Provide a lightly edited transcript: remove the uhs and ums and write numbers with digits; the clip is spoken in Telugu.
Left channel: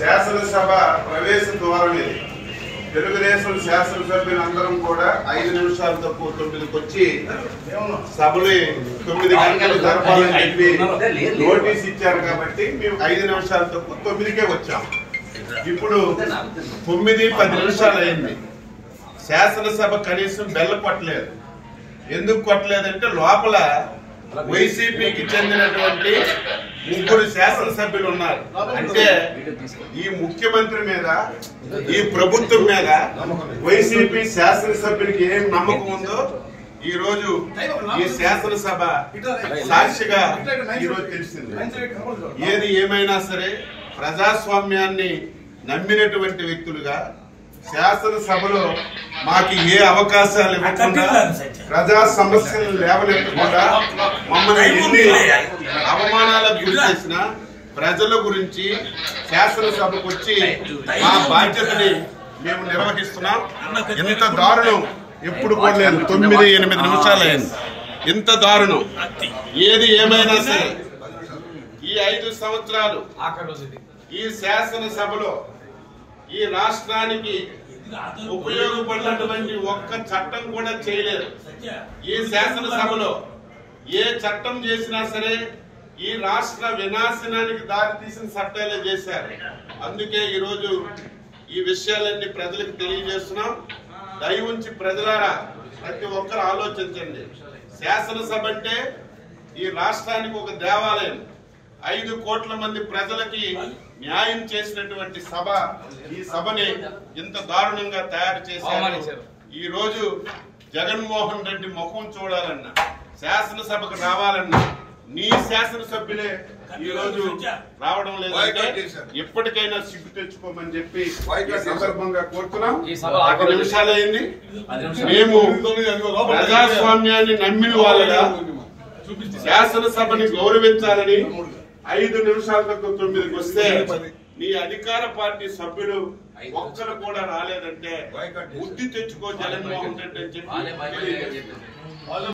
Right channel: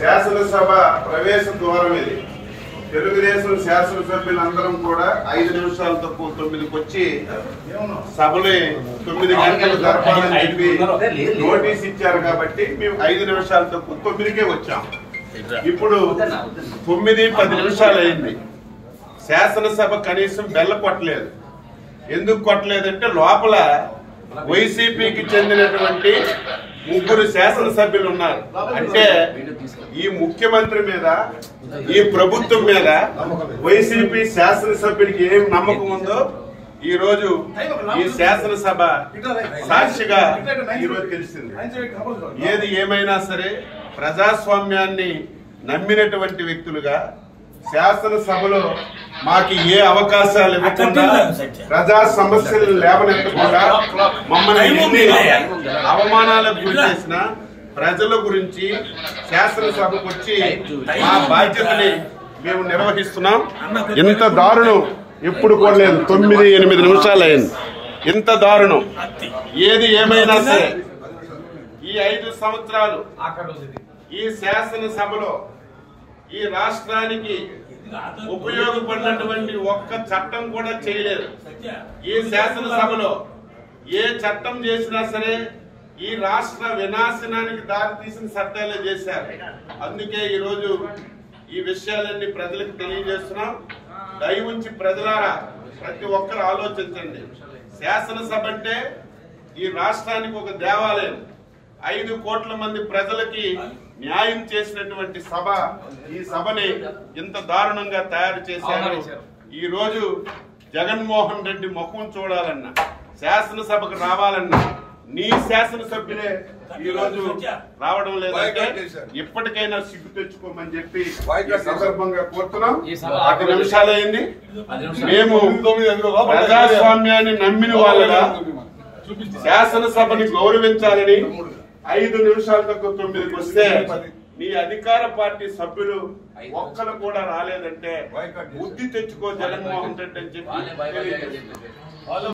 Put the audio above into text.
శాసనసభ ప్రవేశ ద్వారం ఇది. తెలుగుదేశం శాసనసభ్యులందరం కూడా 5 నిమిషాలు తక్కువ 9కి వచ్చి సభలు 9 గంటలు జరపాలని చెప్పి నోటీస్ ఇచ్చారు కాబట్టి మేము 5 నిమిషాలు తక్కువ 9కే వచ్చాం. ఇప్పుడు 9:10 నిమిషాలు అయింది. శాసనసభ కనీసం బెల్ల కొట్టలేదు. ఎందుకు కొట్టలేదంటే లోపల వైసీపీకి చెందినటువంటి 3 శాసనసభ్యులు ఉన్నారు. అంటే ఈ ముఖ్యమంత్రి మీద, ఈ ప్రభుత్వం మీద వైసీపీ శాసనసభ్యుడికి ఏం నమ్మకం ఉందో ఈ రోజు ఈ శాసనసభ సాక్షిగా ఈ రోజు తెలిసింది. ఏది ఏమైనా సరే ప్రజాస్వామ్యాన్ని నమ్మినటువంటి వ్యక్తులుగా శాసనసభలో మాకు ఏ అవకాశాలు ఇవ్వకుండా ప్రజా సమస్యలు లేవనెత్తకుండా మమ్మల్ని అవమానాలకు గురి చేసిన ప్రజల గురించి శాసనసభకు వచ్చి మా బాధ్యతని మేము నిర్వహిస్తున్నాం. ఇంత దారుణం ఎప్పుడు కూడా లేదు. 9-8 నిమిషాలు అయింది. ఇంత దారుణం ఏది ఏమైనా సరే ఈ 5 సంవత్సరాలు ఈ శాసనసభలో ఈ రాష్ట్రానికి ఉపయోగపడినటువంటి ఒక్క చట్టం కూడా చేయలేదు. ఈ శాసనసభలో ఏ చట్టం చేసినా సరే ఈ రాష్ట్ర వినాశనానికి దారితీసిన చట్టాలే చేశారు. అందుకే ఈరోజు ఈ విషయాలన్నీ ప్రజలకు తెలియజేస్తున్నాం. దయ ఉంచి ప్రజలారా ప్రతి ఒక్కరు ఆలోచించండి. శాసనసభ అంటే ఈ రాష్ట్రానికి ఒక దేవాలయం. 5 కోట్ల మంది ప్రజలకి న్యాయం చేసినటువంటి సభ ఈ సభని ఇంత దారుణంగా తయారు చేశారు. ఈ రోజు జగన్మోహన్ రెడ్డి ముఖం చూడాలన్నా, శాసనసభకు రావాలన్నా నీ శాసనసభ్యులే ఈ రోజు రావడం లేదంటే ఇప్పటికైనా సిగ్గు తెచ్చుకోమని చెప్పి ఈ సందర్భంగా కోరుతున్నాం. 10 నిమిషాలు అయింది. మేము ప్రజాస్వామ్యాన్ని నమ్మిన వాళ్ళగా శాసనసభని గౌరవించాలని 5 నిమిషాల తక్కువ 9కి వస్తే నీ అధికార పార్టీ సభ్యులు ఒక్కరు కూడా రాలేదంటే బుద్ధి తెచ్చుకో జగన్మోహన్ రెడ్డి అని చెప్పి